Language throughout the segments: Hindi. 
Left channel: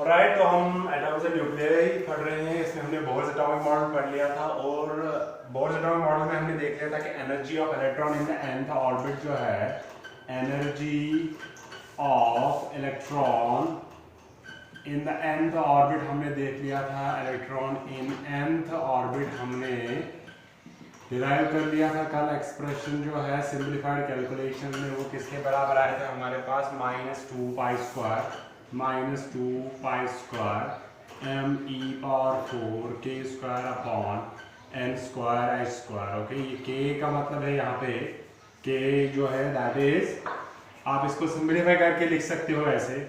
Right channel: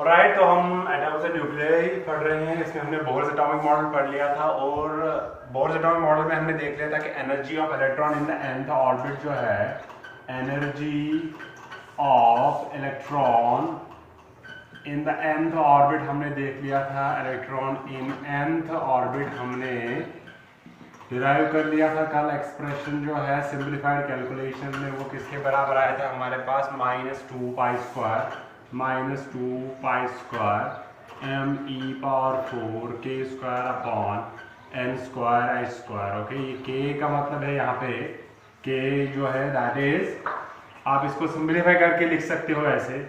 ऑलराइट, तो हम एटम्स एंड न्यूक्लियर ही पढ़ रहे हैं। इसमें हमने बोर्स एटॉमिक मॉडल पढ़ लिया था और बोर्स एटॉमिक मॉडल में हमने देख लिया था कि energy of electron in the nth orbit जो है, energy of electron in the nth orbit हमने देख लिया था। इलेक्ट्रॉन इन nth ऑर्बिट हमने डिराइव कर लिया था कल। एक्सप्रेशन जो है सिंपलीफाइड कैलकुलेशन में वो किसके बराबर आए थे हमारे पास, -2 pi square m e power 4 k square upon n square I square. Okay, ये k का मतलब है यहाँ पे k जो है दैट इज, आप इसको सिंपलीफाई करके लिख सकते हो ऐसे,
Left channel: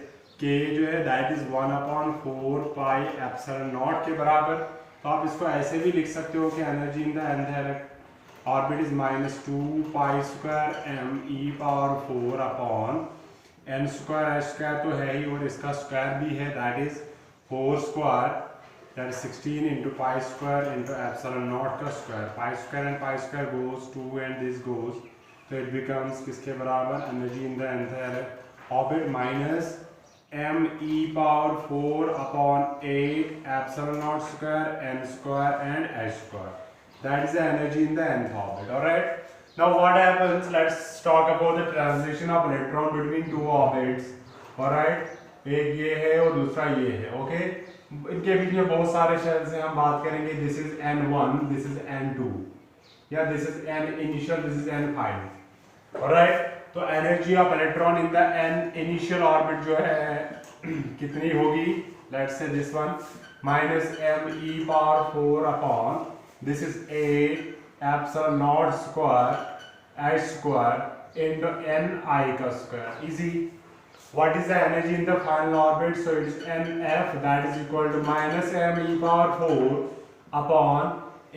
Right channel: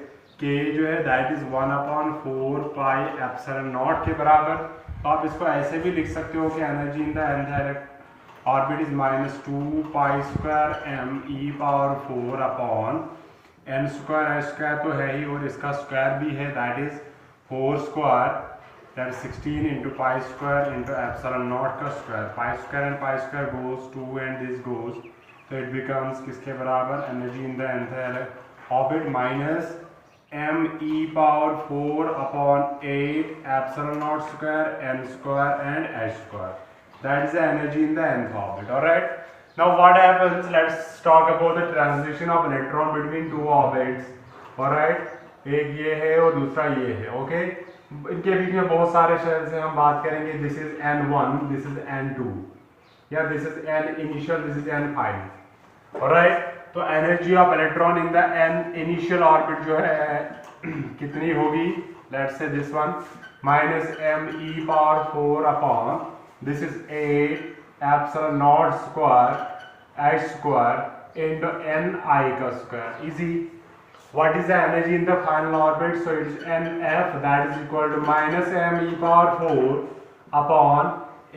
k जो है that is 1/4 pi epsilon not के बराबर। तो आप इसको ऐसे भी लिख सकते हो कि energy in the nth orbit is -2 pi square m e power 4 upon n square I square तो है ही, और इसका स्क्वायर भी है that is 4 square that is 16 into pi square into epsilon not का square. Pi square and pi square goes 2 and this goes, तो इट बिकम्स किसके बराबर, energy in the nth orbit minus m e power 4 upon 8 epsilon not square n square and h square. That is the energy in the nth orbit. All right. Now what happens? Let's talk about the transition of electron between two orbits. All right. एक ये है और दूसरा ये है. Okay. इनके बीच में बहुत सारे शेल्स हैं, हम बात करेंगे. This is N1, this is N2. या this is N initial, this is N5. All right. तो energy of electron in the N initial orbit जो है कितनी होगी? Let's say this one minus m e power 4 upon this is 8 epsilon naught square h square into ni ka square. Easy. What is the energy in the final orbit? So it is nf, that is equal to minus m e power 4 upon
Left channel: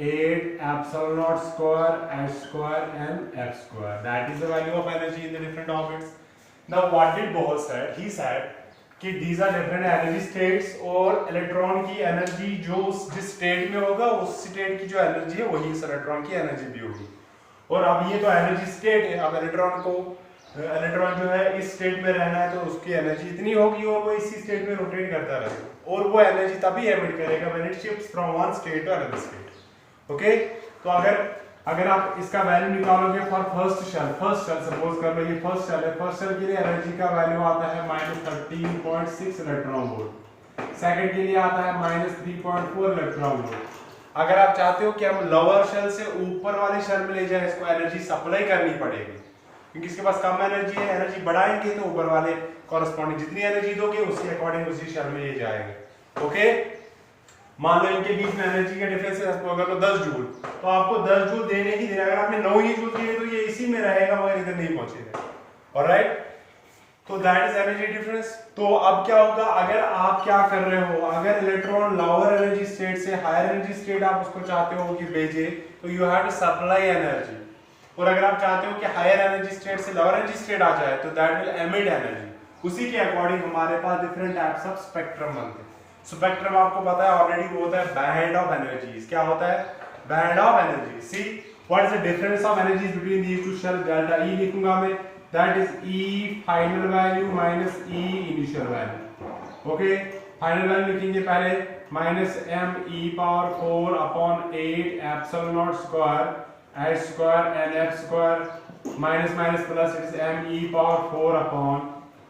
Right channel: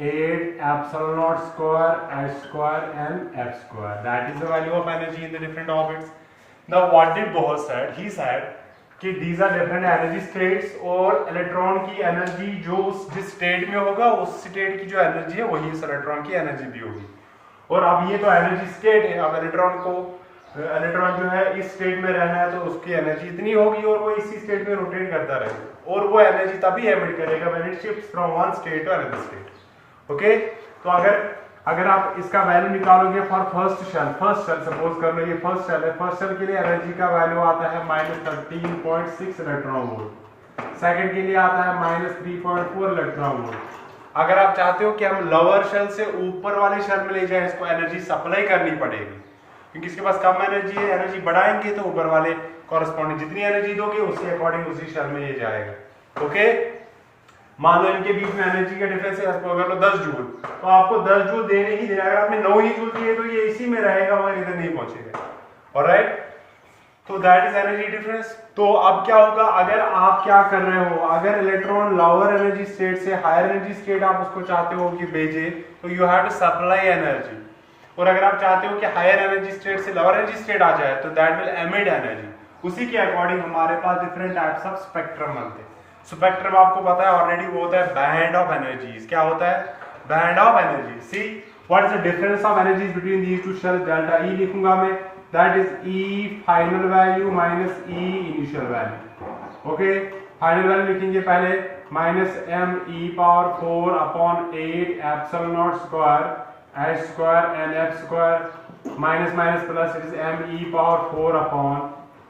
8 epsilon naught square h square and f square. That is the value of energy in the different orbits. Now what did Bohr said? He said कि these are different energy states, और इलेक्ट्रॉन की एनर्जी जो जिस स्टेट में होगा उस स्टेट की जो एनर्जी है वही इस इलेक्ट्रॉन की एनर्जी भी होगी। और अब ये तो एनर्जी स्टेट है, अब इलेक्ट्रॉन जो है इस स्टेट में रहना है तो उसकी एनर्जी इतनी होगी और वो इसी स्टेट में रोटेट करता रहेगा, और वो एनर्जी तभी एमिट करेगा when it shifts from one state to another state. Okay, तो अगर आप इसका वैल्यू निकालोगे फॉर फर्स्ट शेल सपोज कर लो ये फर्स्ट शेल है, फर्स्ट शेल के लिए एनर्जी का वैल्यू आता है -13.6 इलेक्ट्रॉन वोल्ट, सेकंड के लिए आता है -3.4 इलेक्ट्रॉन वोल्ट। अगर आप चाहते हो कि हम लोअर शेल से ऊपर वाले शेल में ले जाएं, इसको एनर्जी सप्लाई करनी पड़ेगी, क्योंकि इसके पास कम एनर्जी है, एनर्जी बढ़ाएंगे तो ऊपर वाले कॉरेस्पॉन्डिंग जितनी एनर्जी दोगे उसी अकॉर्डिंग उसी शेल में ये जाएगा। ओके, मान लो इनके बीच में एनर्जी का डिफरेंस है, अगर लो 10 जूल, तो आपको 10 जूल देने ही देना। अगर आपने 9 ही जूल दिए तो ये इसी में रहेगा मगर इधर नहीं पहुंचेगा। ऑलराइट, तो दैट इज एनर्जी डिफरेंस। तो अब क्या होगा, अगर आप क्या कर रहे हो, अगर इलेक्ट्रॉन लोअर एनर्जी स्टेट से हायर एनर्जी स्टेट आप उसको चाहते हो कि भेजे, तो you have to supply energy. और अगर आप चाहते हो कि हायर एनर्जी स्टेट से लोअर एनर्जी स्टेट आ जाए तो दैट विल एमिट एनर्जी। उसी के अकॉर्डिंग हमारे पास डिफरेंट टाइप्स ऑफ स्पेक्ट्रम बनते हैं। स्पेक्ट्रम आपको पता है ऑलरेडी, वो होता है बैंड ऑफ एनर्जीज। क्या होता है? Band of energy. See what is the difference of energies between these two shells? Delta E लिखूंगा मैं, that is E final value minus E initial value. Okay, final value लिखेंगे पहले -m e power 4 upon 8 epsilon not square h square and f square minus minus plus, it is m e power 4 upon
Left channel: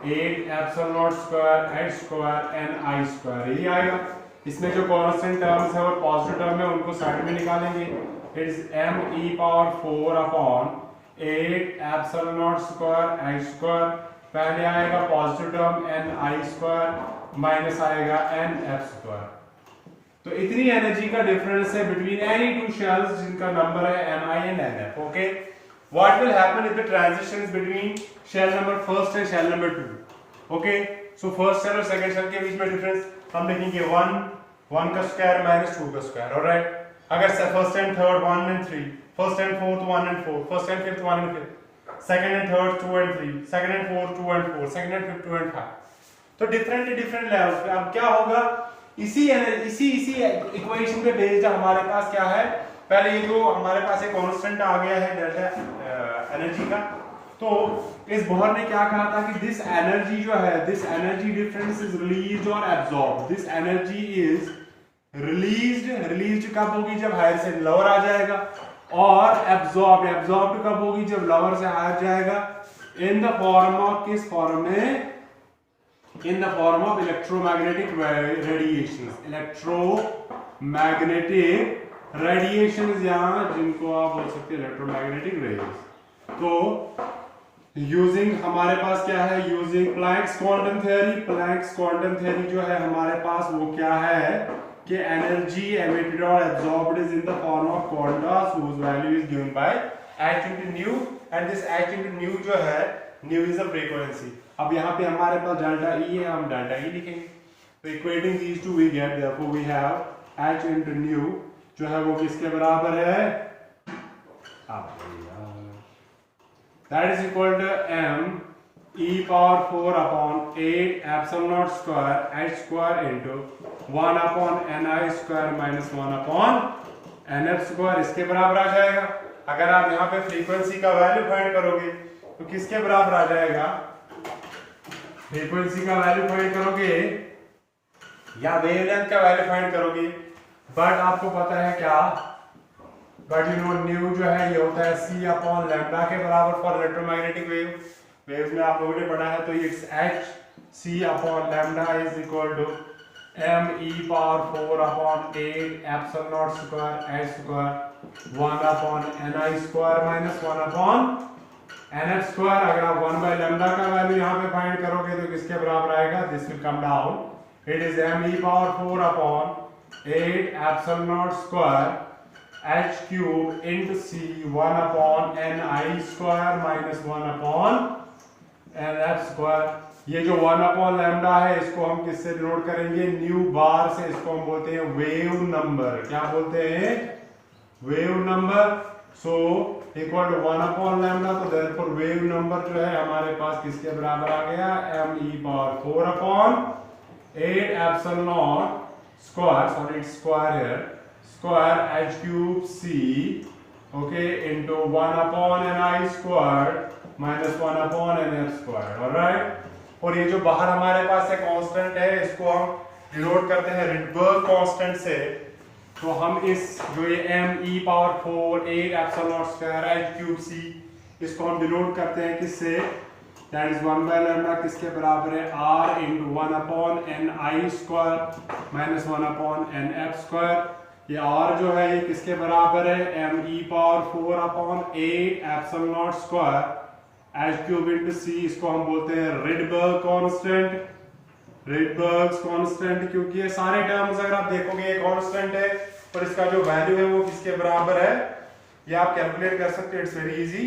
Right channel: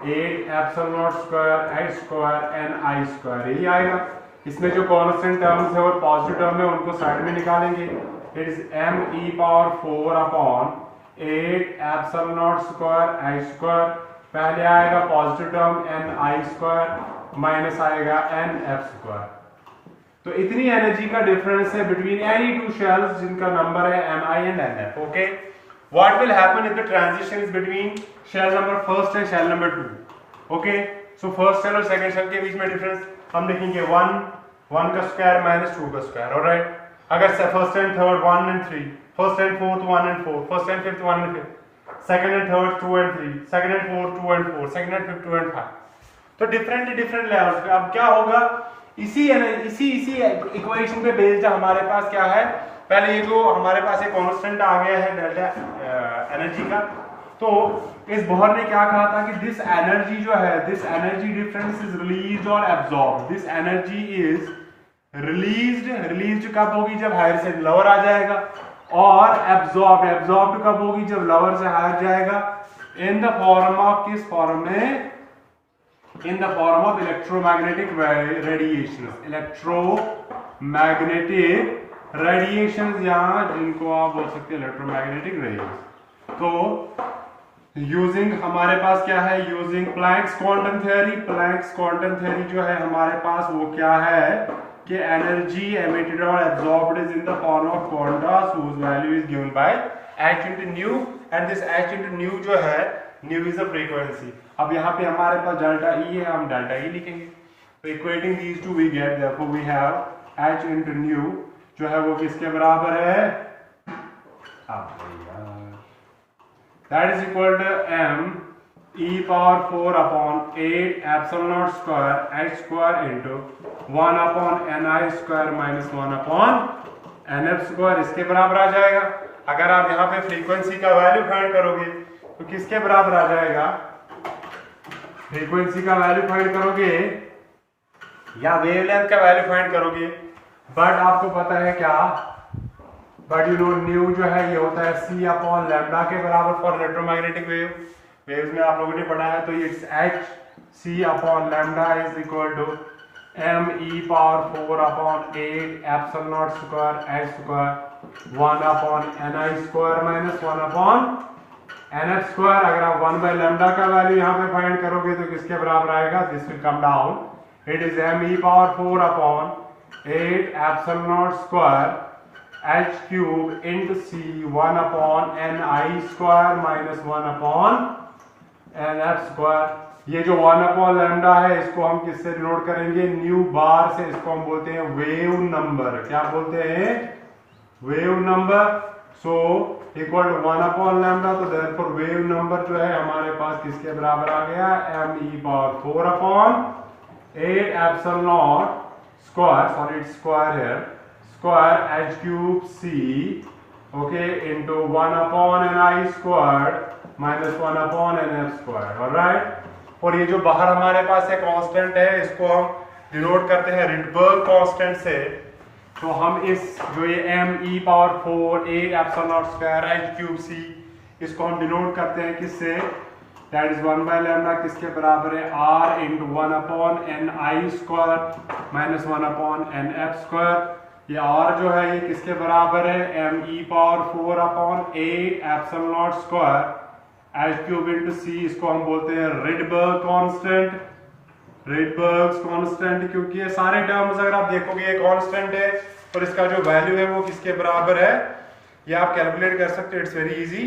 8 epsilon not square h square and i square. यही आएगा। इसमें जो कांस्टेंट टर्म्स है और पॉजिटिव टर्म है उनको साइड में निकालेंगे। It is m e power 4 upon 8 epsilon not square h square, पहले आएगा positive term n i square minus आएगा n f स्क्वायर। तो इतनी एनर्जी का डिफरेंस है बिटवीन एनी टू शेल्स जिनका नंबर है ni and nf। Okay, what will happen if the transition is between shell number first and shell number 2? okay, so first shell और second shell के बीच में डिफरेंस हम लिखेंगे 1 का स्क्वायर माइनस 2 का स्क्वायर। ऑलराइट, अगर first and third 1 and 3, first and fourth 1 and 4, first and fifth 1 and 5, second and third 2 and 3, second and fourth 2 and 4, second and fifth 2 and 5, तो डिफरेंट लेवल्स पे। अब क्या होगा, इसी इक्वेशन पे बेस्ड हमारे पास क्या है, पहले ये जो हमारे पास एक कांस्टेंट आ गया है डेल्टा एनर्जी का, तो इस बोहर ने क्या कहा था कि दिस एनर्जी जो है, this energy difference is released और absorb, this energy is released कब होगी, जब हायर से लोअर आ जाएगा, और एब्जॉर्ब कब होगी, जब लोअर से हायर जाएगा, इन द फॉर्म ऑफ, किस फॉर्म में, इन the form of electromagnetic radiations, electromagnetic radiations, या जिनको आप बोल सकते हैं इलेक्ट्रोमैग्नेटिक रेडिएशन। तो यूजिंग हमारे पास क्या है, using Planck's quantum theory, Planck's quantum theory जो है हमारे पास वो क्या है कि एनर्जी एमिटेड और absorbed is in the form of quantas whose value is given by h into nu, and this h into nu जो है, nu इज अ फ्रीक्वेंसी। अब यहाँ पे हमारे पास डेल्टा ई है, हम डेल्टा ई लिखेंगे, तो equating these two we get therefore we have h into nu जो है वो किसके बराबर है, that is equal to m e power 4 upon 8 epsilon naught square h square into 1 upon ni square minus 1 upon nf square, इसके बराबर आ जाएगा। अगर आप यहाँ पे फ्रीक्वेंसी का वैल्यू फाइंड करोगे तो किसके बराबर आ जाएगा, फ्रीक्वेंसी का वैल्यू फाइंड करोगे या वेवलेंथ का वैल्यू फाइंड करोगे, बट आपको पता है क्या, बट यू नो न्यू जो है ये होता है c अपॉन लैम्डा के बराबर फॉर इलेक्ट्रोमैग्नेटिक वेव में आप लोगों ने पढ़ा है, तो it's h c upon lambda is equal to m e power 4 upon 8 epsilon not square h square 1 upon ni square minus 1 upon nf square. अगर आप 1 बाय लैम्डा का वैल्यू यहाँ पे फाइंड करोगे तो किसके बराबर आएगा, this will come down, it is m e power 4 upon 8 epsilon not square h cube into c 1 upon ni square minus 1 upon nf square। ये जो 1 upon लैम्डा है इसको हम किससे डिनोट करेंगे, न्यू बार से, इसको हम बोलते हैं वेव नंबर, क्या बोलते हैं, wave number. So equal to 1 upon lambda, तो देयरफॉर वेव नंबर जो है हमारे पास किसके बराबर आ गया, m e power 4 upon 8 epsilon naught square, sorry it's square here, square h cube c okay into 1 upon ni squared minus 1 upon nf squared, alright। और ये जो बाहर हमारे पास एक कांस्टेंट है इसको हम डिनोट करते हैं रिडबर्ग कांस्टेंट से, तो हम इस जो ये m e power 4 8 epsilon not square h cube c इसको हम डिनोट करते हैं किससे, दैट इज 1 बाय लैम्डा किसके बराबर है, r into 1 upon ni square minus 1 upon nf square. ये r जो है ये किसके बराबर है, m e power 4 upon 8 epsilon not square h cube into c, इसको हम बोलते हैं रिडबर्ग कांस्टेंट, रिडबर्ग कांस्टेंट, क्योंकि ये सारे टर्म्स अगर आप देखोगे ये कांस्टेंट है और इसका जो वैल्यू है वो किसके बराबर है, ये आप कैलकुलेट कर सकते हो, इट्स वेरी इजी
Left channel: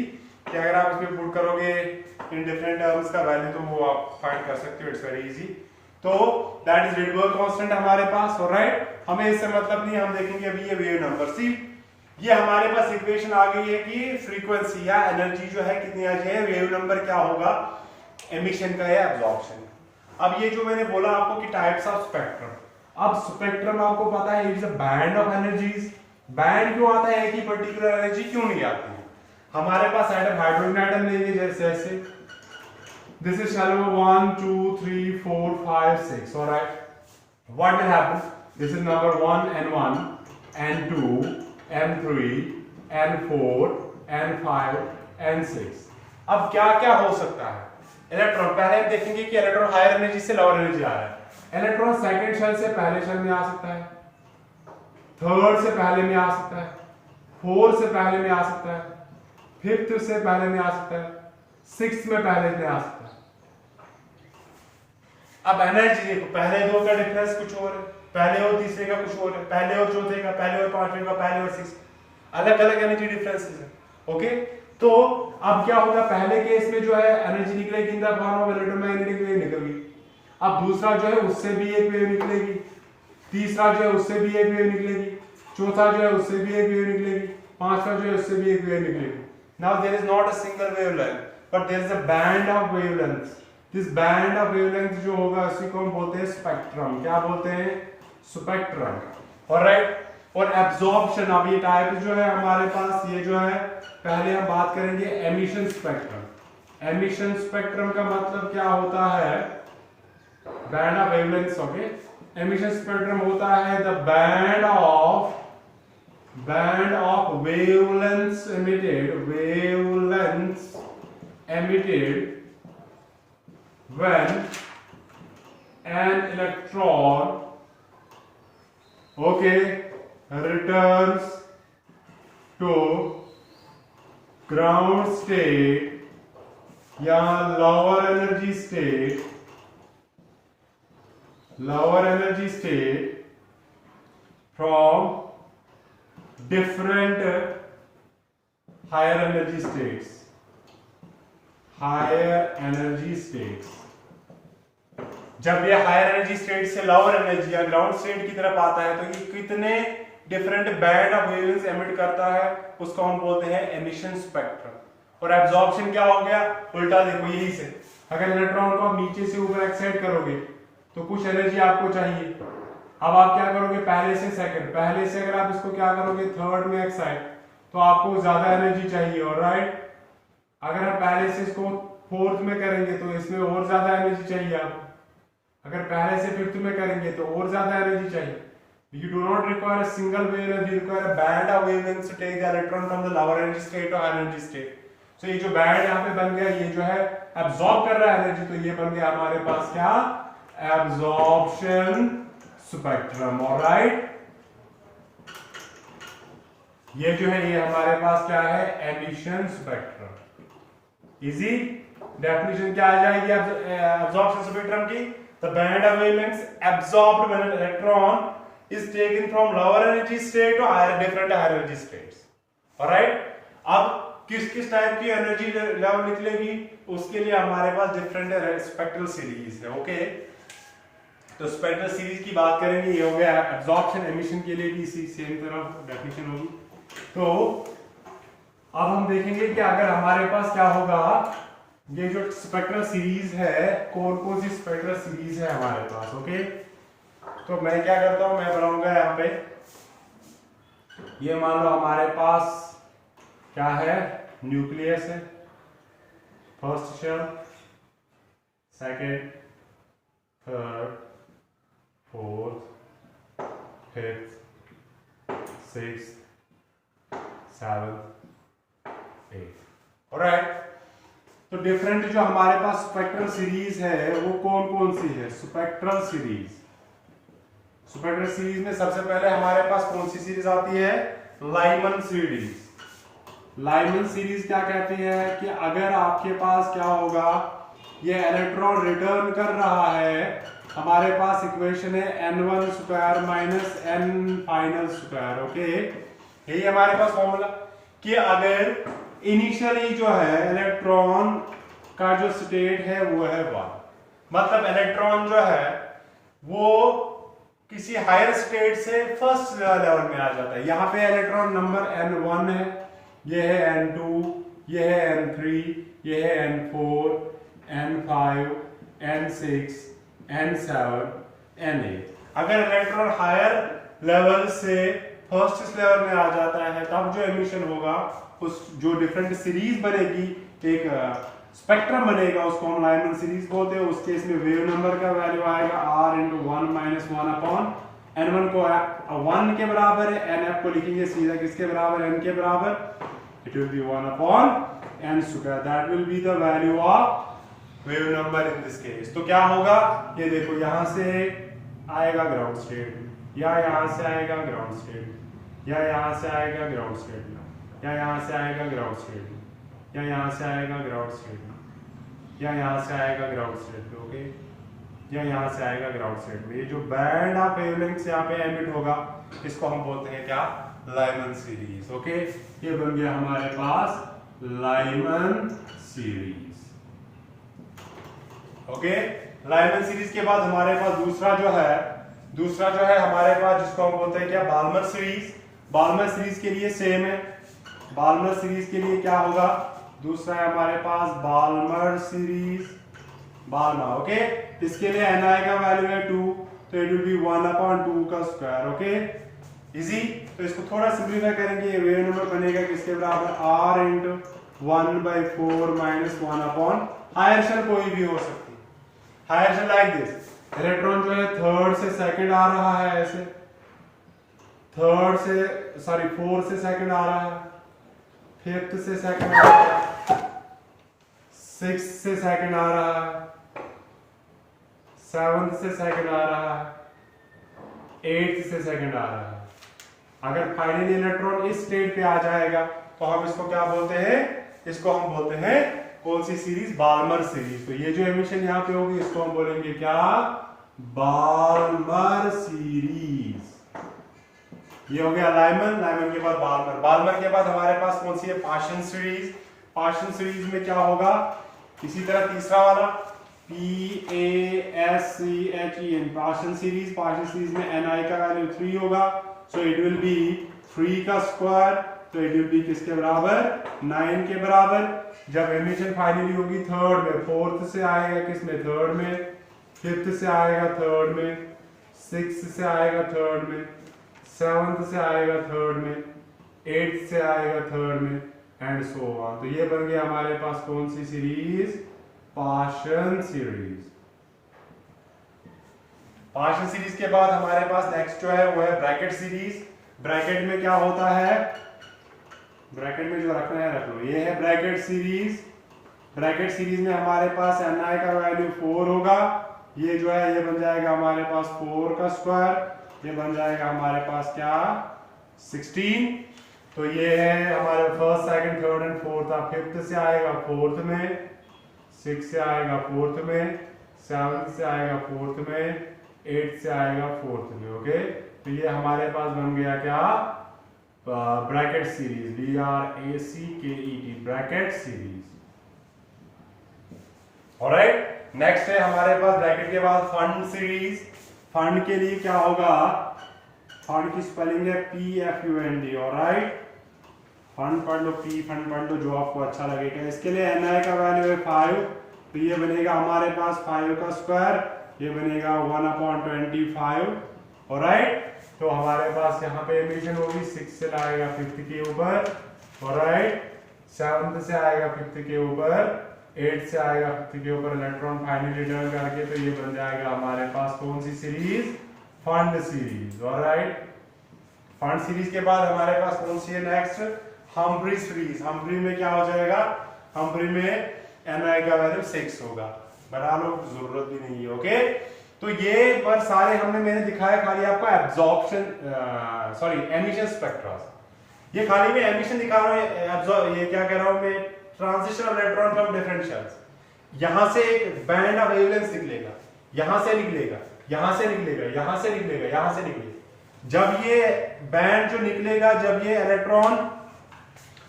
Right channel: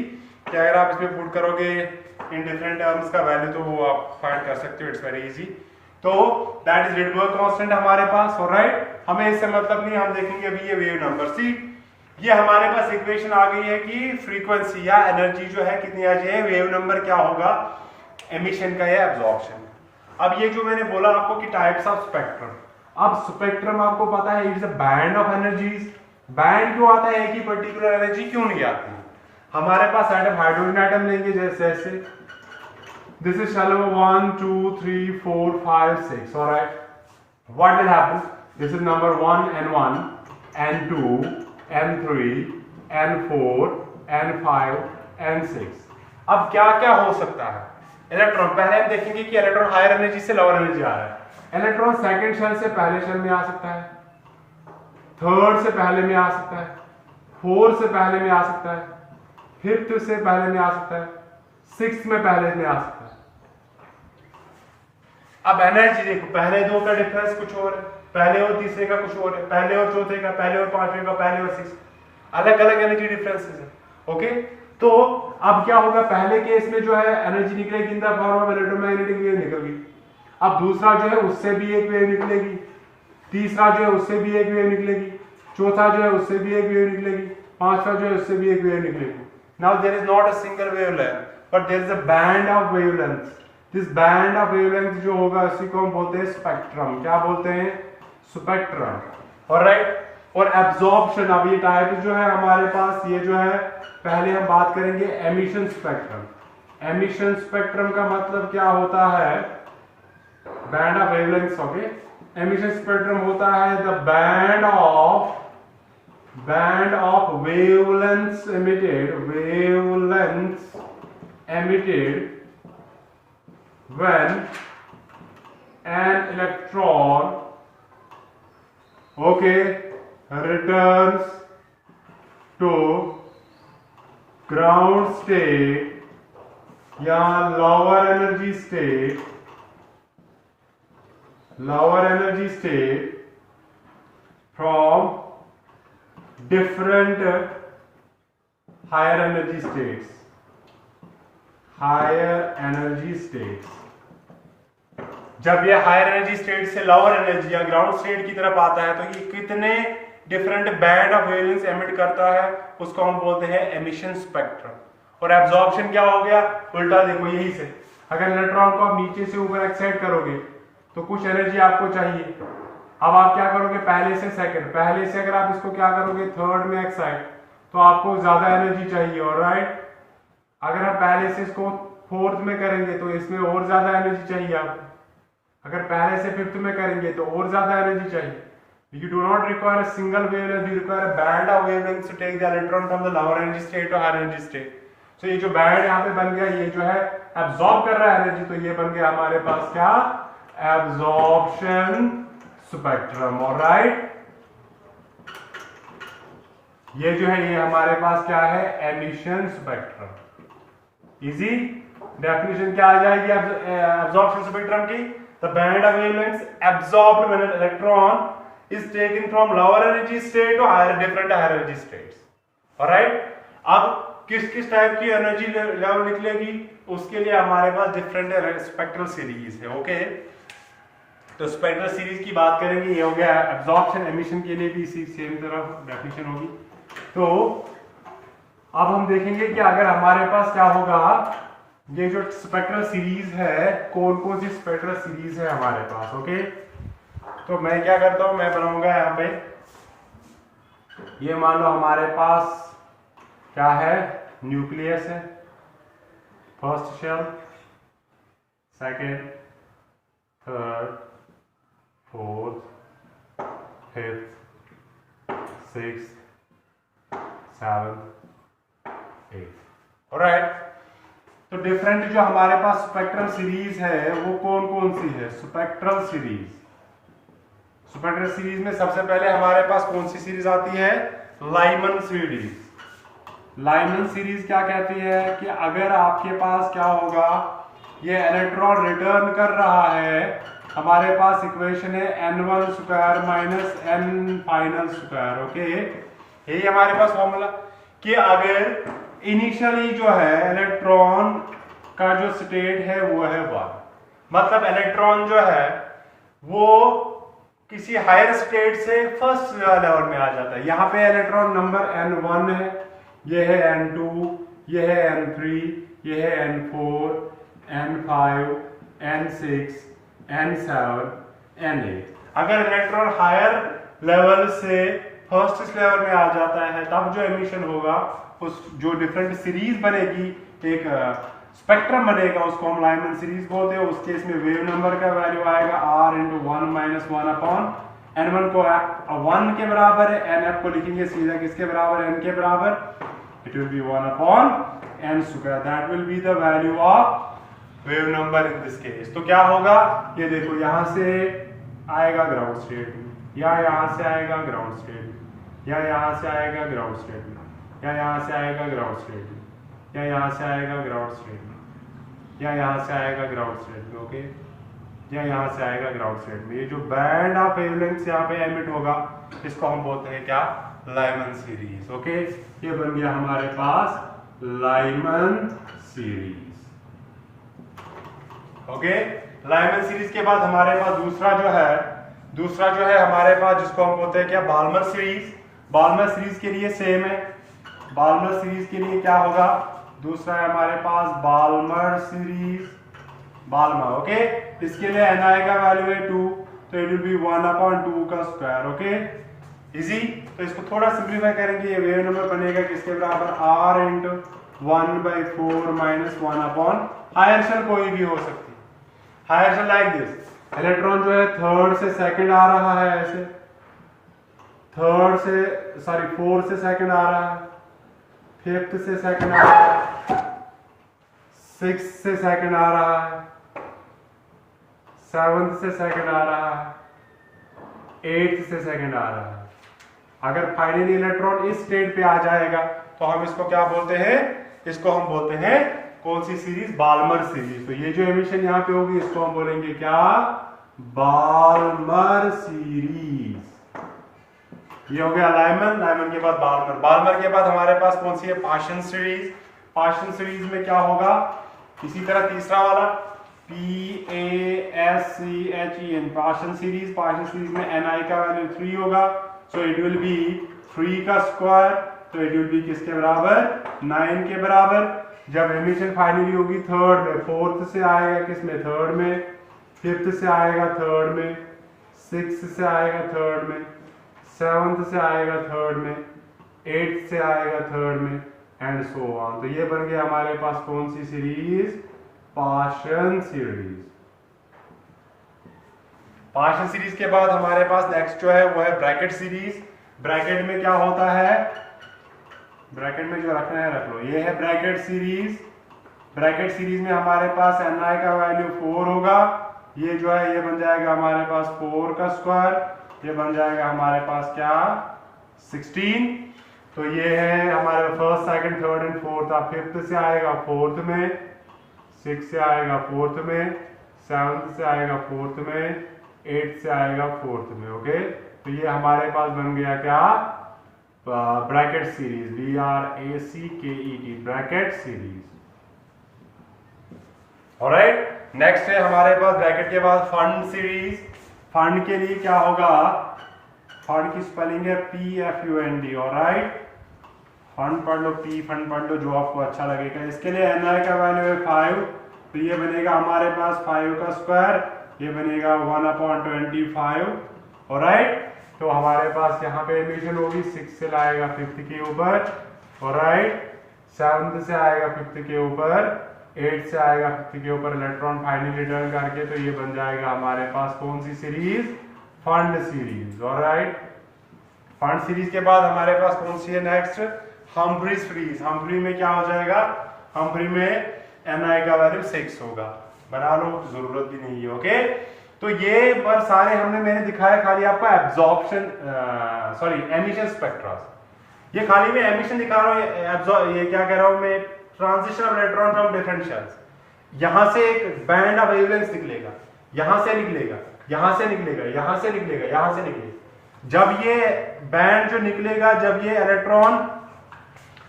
कि अगर आप इसमें पुट करोगे इन डिफरेंट टर्म्स का वैल्यू तो वो आप फाइंड कर सकते हो, इट्स वेरी इजी। तो दैट इज रिडबर्ग कांस्टेंट हमारे पास, ऑलराइट। हमें इससे मतलब नहीं, हम देखेंगे अभी ये वेव नंबर सी, ये हमारे पास इक्वेशन आ गई है कि फ्रीक्वेंसी या एनर्जी जो है कितनी आ जाए, वेव नंबर क्या होगा, एमिशन का या एब्जॉर्प्शन। अब ये जो मैंने बोला आपको कि टाइप्स ऑफ स्पेक्ट्रम, अब स्पेक्ट्रम आपको पता है it's a band of energies. Band क्यों आता है, एक ही पर्टिकुलर एनर्जी क्यों नहीं आती है, हमारे पास एटम हाइड्रोजन एटम लेंगे जैसे this is shell number 1 2 3 4 5 6, all right, what will happen, this is number 1 n1 n2 n3 n4 n5 n6। अब क्या क्या हो सकता है, इलेक्ट्रॉन, पहले हम देखेंगे कि इलेक्ट्रॉन हायर एनर्जी से लोअर एनर्जी आ रहा है। इलेक्ट्रॉन सेकंड शेल से पहले शेल में आ सकता है, थर्ड से पहले में आ सकता है, फोर्थ से पहले में आ सकता है, फिफ्थ से पहले में आ सकता है, सिक्स्थ में पहले में आ सकता है। अब एनर्जी देखो, पहले दो का डिफरेंस कुछ और है, पहले और तीसरे का कुछ और है, पहले और चौथे का, पहले और पांचवें का, पहले और सिक्स, अलग अलग एनर्जी डिफरेंसेस है। ओके, तो अब क्या होगा, पहले केस में जो है एनर्जी निकलेगी इन the form of electromagnetic wave निकल गई, अब दूसरा जो है उससे भी एक वेव निकलेगी, तीसरा जो है उससे भी एक वेव निकलेगी, चौथा जो है उससे भी एक वेव निकलेगी, पांचवा जो है उससे भी एक वेव निकलेगी। Now there is not a single wavelength but there is a band of wavelength. This band of wavelength जो होगा उसी को हम बोलते हैं स्पेक्ट्रम। क्या बोलते हैं, स्पेक्ट्रम, ऑलराइट। और एब्जॉर्प्शन, अब ये टाइप जो है हमारे पास, ये जो है पहले हम बात करेंगे एमिशन स्पेक्ट्रम। एमिशन स्पेक्ट्रम का मतलब क्या होता है, band of wavelengths. Okay, emission spectrum होता है the band of wavelengths emitted when an electron, okay, returns to ground state या lower energy state from different higher energy states। जब ये हायर एनर्जी स्टेट से लोअर एनर्जी या ग्राउंड स्टेट की तरफ आता है तो ये कितने different band of wavelength emit करता है, उसको हम बोलते हैं एमिशन स्पेक्ट्रम। और एब्जॉर्प्शन क्या हो गया, उल्टा देखो, यही से अगर इलेक्ट्रॉन को आप नीचे से ऊपर एक्साइट करोगे तो कुछ एनर्जी आपको चाहिए। अब आप क्या करोगे, पहले से सेकंड, पहले से अगर आप इसको क्या करोगे थर्ड में एक्साइट तो आपको ज्यादा एनर्जी चाहिए, ऑलराइट। अगर हम पहले से इसको फोर्थ में करेंगे तो इसमें और ज्यादा एनर्जी चाहिए आपको। अगर पहले से फिफ्थ में करेंगे तो और ज्यादा एनर्जी चाहिए। You do not require a single wavelength, you require a band of wavelengths to take the electron from the lower energy state to higher energy state. So ये जो बैंड यहाँ पे बन गया, ये जो है एब्जॉर्ब कर रहा है एनर्जी, तो ये बन गया हमारे पास क्या, एब्जॉर्प्शन स्पेक्ट्रम, ऑलराइट। ये जो है ये हमारे पास क्या है, एमिशन स्पेक्ट्रम। इजी डेफिनेशन क्या आ जाएगी एब्जॉर्प्शन स्पेक्ट्रम की, the band of wavelengths absorbed when an electron is taken from lower energy state to different higher energy states, alright। अब किस टाइप की एनर्जी लेवल निकलेगी, उसके लिए हमारे पास डिफरेंट स्पेक्ट्रल सीरीज है। ओके, तो स्पेक्ट्रल सीरीज की बात करेंगे, ये हो गया एब्जॉर्प्शन, एमिशन के लिए भी इसी सेम तरह डेफिनेशन होगी। तो अब हम देखेंगे कि अगर हमारे पास क्या होगा, ये जो स्पेक्ट्रल सीरीज है, कौन कौन सी स्पेक्ट्रल सीरीज है हमारे पास। ओके, तो मैं क्या करता हूं, मैं बनाऊंगा यहाँ पे, ये मान लो हमारे पास क्या है, न्यूक्लियस है, first shell, second, third, fourth, fifth, sixth, seventh, eighth, alright. तो डिफरेंट जो हमारे पास स्पेक्ट्रल सीरीज है वो कौन कौन सी है, स्पेक्ट्रल सीरीज। स्पेक्ट्रल सीरीज में सबसे पहले हमारे पास कौन सी सीरीज आती है, लाइमन सीरीज। लाइमन सीरीज क्या कहती है कि अगर आपके पास क्या होगा, ये इलेक्ट्रॉन रिटर्न कर रहा है, हमारे पास इक्वेशन है n1 square minus n final square. Okay, यही हमारे पास फॉर्मूला कि अगर इनिशियली जो है इलेक्ट्रॉन का जो स्टेट है वो है 1, मतलब इलेक्ट्रॉन जो है वो किसी हायर स्टेट से फर्स्ट लेवल में आ जाता है। यहाँ पे इलेक्ट्रॉन नंबर n1 है, ये है n2, ये है n3, ये है n4, n5, n6, n7, n8। अगर इलेक्ट्रॉन हायर लेवल से फर्स्ट लेवल में आ जाता है तब जो एमिशन होगा, उस जो डिफरेंट सीरीज बनेगी, एक स्पेक्ट्रम बनेगा, उसको हम लाइमन सीरीज बोलते हैं। उस केस में वेव नंबर का वैल्यू आएगा r into 1 minus 1 upon n1 को 1 के बराबर है, nf को लिखेंगे सीधा किसके बराबर, n के बराबर, it will be 1 upon n square, that will be the value of wave number in this case. तो क्या होगा, ये देखो यहां से आएगा ग्राउंड स्टेट, या यहां से आएगा ग्राउंड स्टेट, या यहां से आएगा ग्राउंड स्टेट, या यहां से आएगा ग्राउंड स्टेट, या यहां से आएगा ग्राउंड स्टेट, या यहां से आएगा ग्राउंड स्टेट में। ओके, या यहां से आएगा ग्राउंड स्टेट में। ये जो बैंड ऑफ वेवलेंथ यहाँ पे एमिट होगा, इसको हम बोलते हैं क्या, लाइमन सीरीज। ओके, ये बन गया हमारे पास Lyman series. Okay, Lyman series के बाद हमारे पास दूसरा जो है हमारे पास, जिसको हम बोलते हैं क्या, बाल्मर सीरीज। बाल्मर सीरीज के लिए सेम है, बाल्मर सीरीज के लिए क्या होगा, दूसरा है हमारे पास बाल्मर सीरीज, बाल्मर। ओके, इसके लिए ni का वैल्यू है 2, तो इट विल बी 1/2 का स्क्वायर। Okay, easy. तो इसको थोड़ा सिंप्लीफाई करेंगे, ये वेव नंबर बनेगा किसके बराबर, r into 1/4 minus 1 upon higher shell कोई भी हो सकती है, higher shell like this. Electron जो है थर्ड से सेकंड आ रहा है, ऐसे फोर्थ से सेकंड आ रहा है, फिफ्थ से सेकंड आ रहा है, सिक्स्थ से सेकंड आ रहा है, सेवंथ से सेकंड आ रहा है, एट्थ से सेकंड आ रहा है। अगर फाइनली इलेक्ट्रॉन इस स्टेट पे आ जाएगा तो हम इसको क्या बोलते हैं, इसको हम बोलते हैं कौन सी सीरीज, बाल्मर सीरीज। तो ये जो एमिशन यहाँ पे होगी इसको हम बोलेंगे क्या, बाल्मर सीरीज। ये हो गया लाइमन, लाइमन के बाद बाल्मर, बाल्मर के बाद हमारे पास कौन सी है, पाशन सीरीज। पाशन सीरीज में क्या होगा, इसी तरह तीसरा वाला PASCHEN, Paschen series. Paschen series में Ni का वैल्यू 3 होगा, सो इट विल बी 3 का स्क्वायर, तो इट विल बी किसके बराबर, 9 के बराबर। जब एमिशन फाइनली होगी थर्ड में, फोर्थ से आएगा किसमें, थर्ड में, फिफ्थ से आएगा थर्ड में, सिक्स्थ से आएगा थर्ड में, सेवंथ से आएगा थर्ड में, एट्थ से आएगा थर्ड में, एंड सो ऑन। तो ये बन गया हमारे पास कौन सी series, Paschen series. Paschen series के बाद हमारे पास नेक्स्ट जो है वो है ब्रैकेट सीरीज। ब्रैकेट में क्या होता है, ब्रैकेट में जो रखना है रख लो, ये है ब्रैकेट सीरीज। ब्रैकेट सीरीज में हमारे पास Ni का वैल्यू 4 होगा, ये जो है ये बन जाएगा हमारे पास 4 का स्क्वायर, ये बन जाएगा हमारे पास क्या, 16। तो ये है हमारे first second third and fourth. अब फिफ्थ से आएगा फोर्थ में, सिक्स से आएगा फोर्थ में, सेवंथ से आएगा फोर्थ में, एट से आएगा फोर्थ में। ओके, तो ये हमारे पास बन गया क्या, Brackett series, BRACKET, Brackett series. Alright, next है हमारे पास ब्रैकेट के बाद फंड सीरीज। फंड के लिए क्या होगा, फंड की स्पेलिंग है PFUND। ऑलराइट, फंड पढ़ लो, P फंड पढ़ लो, जो आपको अच्छा लगेगा। इसके लिए Ni का वैल्यू है 5, तो ये बनेगा हमारे पास 5 का स्क्वायर, ये बनेगा 1/25। ऑलराइट, तो हमारे पास यहाँ पे एमिशन होगी 6 से लाएगा फिफ्थ के ऊपर, ऑलराइट, सेवंथ से आएगा फिफ्थ के ऊपर, 8 से आएगा फिफ्थ के ऊपर, इलेक्ट्रॉन फाइनली रिटर्न करके, तो ये बन जाएगा हमारे पास कौन सी series, Pfund series. Alright, Pfund series के बाद हमारे पास कौन सी है नेक्स्ट, हम्फ्री सीरीज। हम्फ्री में क्या हो जाएगा, हम्फ्री में Ni का वैल्यू 6 होगा, बना लो, जरूरत भी नहीं है। ओके, तो ये पर सारे हमने मैंने दिखाया खाली आपको एब्जॉर्प्शन एमिशन स्पेक्ट्रा। ये खाली मैं एमिशन दिखा रहा हूँ, ये क्या कह रहा हूँ मैं, transition of electron from different shells. यहां से एक बैंड ऑफ वेवलेंथ निकलेगा, यहां से निकलेगा, यहां से निकलेगा, यहां से निकलेगा, यहां से निकलेगा। जब ये बैंड जो निकलेगा, जब ये इलेक्ट्रॉन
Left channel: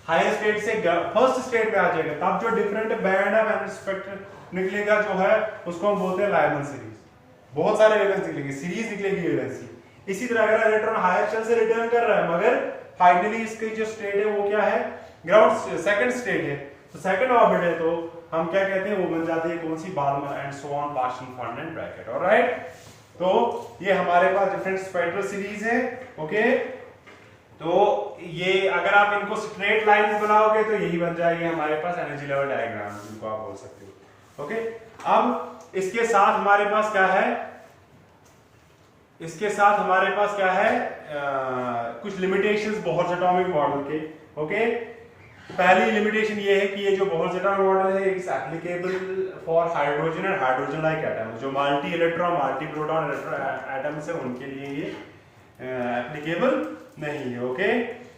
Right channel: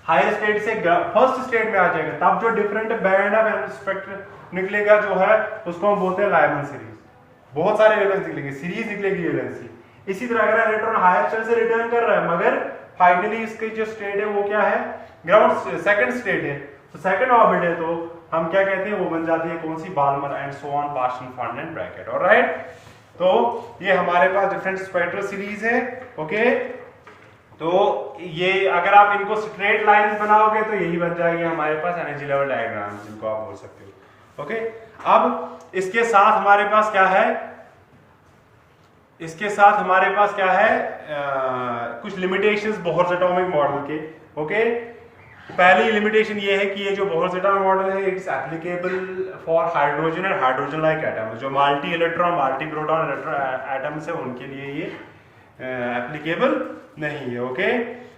हायर स्टेट से फर्स्ट स्टेट में आ जाएगा, तब जो डिफरेंट बैंड ऑफ स्पेक्ट्रम निकलेगा जो है उसको हम बोलते हैं लाइमन सीरीज। बहुत सारे वेवलेंथ निकलेंगे, सीरीज निकलेगी वेवलेंथ की। इसी तरह अगर इलेक्ट्रॉन हायर शेल से रिटर्न कर रहा है मगर फाइनली इसकी जो स्टेट है वो क्या है, ग्राउंड सेकंड स्टेट है, तो सेकंड ऑर्बिट है, तो हम क्या कहते हैं, वो बन जाती है कौन सी, बाल्मर एंड सो ऑन, पार्शियल फंड एंड ब्रैकेट। ऑलराइट, तो ये हमारे पास डिफरेंट स्पेक्ट्रल सीरीज है। ओके, तो ये अगर आप इनको स्ट्रेट लाइंस बनाओगे तो यही बन जाएगी हमारे पास एनर्जी लेवल डायग्राम, जिनको आप बोल सकते हो। ओके, अब इसके साथ हमारे पास क्या है, इसके साथ हमारे पास क्या है, कुछ लिमिटेशंस बोहर्स एटॉमिक मॉडल के। ओके, पहली लिमिटेशन ये है कि ये जो बोहर्स एटॉमिक मॉडल है, it's applicable for hydrogen and hydrogen like atom, जो multi electron multi proton atoms है उनके लिए ये एप्लीकेबल नहीं है। ओके,